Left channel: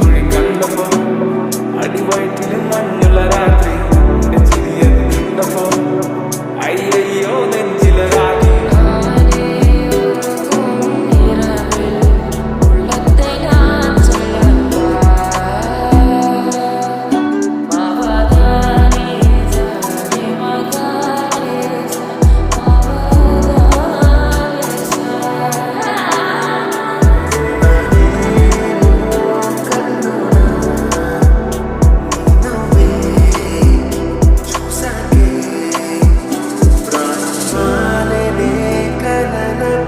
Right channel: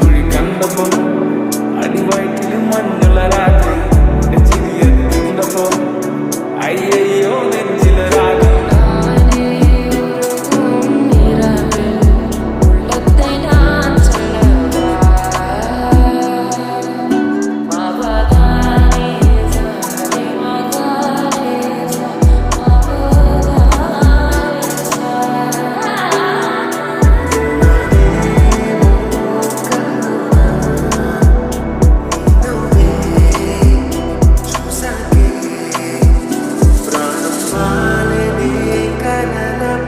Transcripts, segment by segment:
കുഴി കണ്ടപ്പോ അടിവയറ്റില് മഞ്ഞുള്ള രാത്രി എന്റെ ചിരിയത് കണ്ടപ്പോ അയ്യോ നെഞ്ചിലൊരാത്രി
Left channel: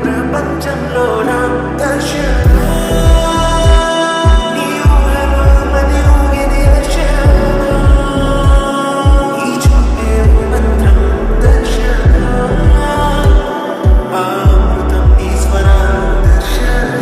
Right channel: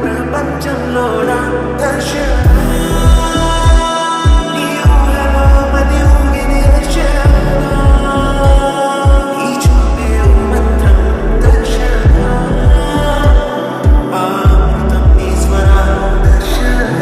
ప్రపంచంలోనా దర్శన నీ ఊహలో మది ఊగిది దర్శన ఈ చూపే మంత్రం దర్శన అమృతం నీ స్వరాలు దర్శన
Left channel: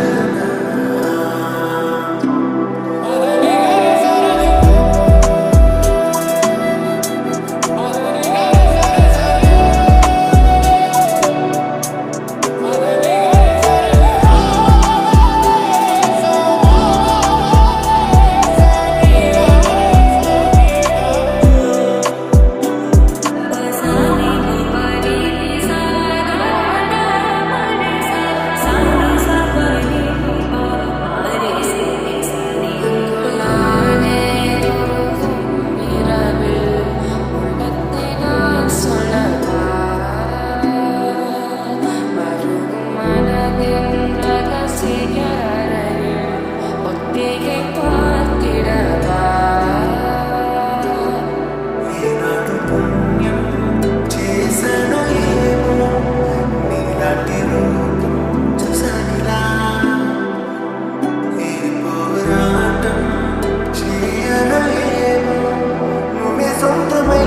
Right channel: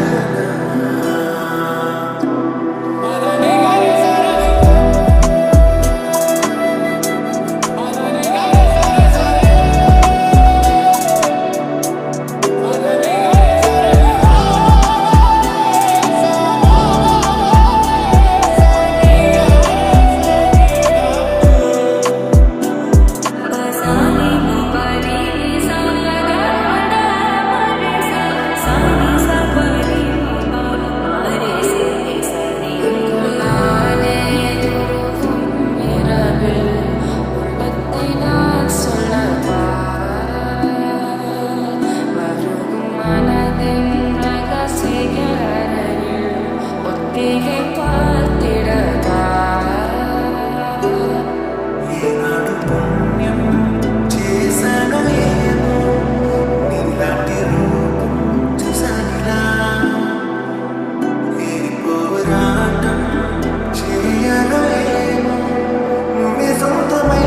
ஒத்திகை பார்த்திடவா ఏనాడు పుణ్యం చేసను ఏమో నీలాంటి రూపం చూసానిలా ఏ పోరాటం చేయను ఏమో నువ్వే సొంతమై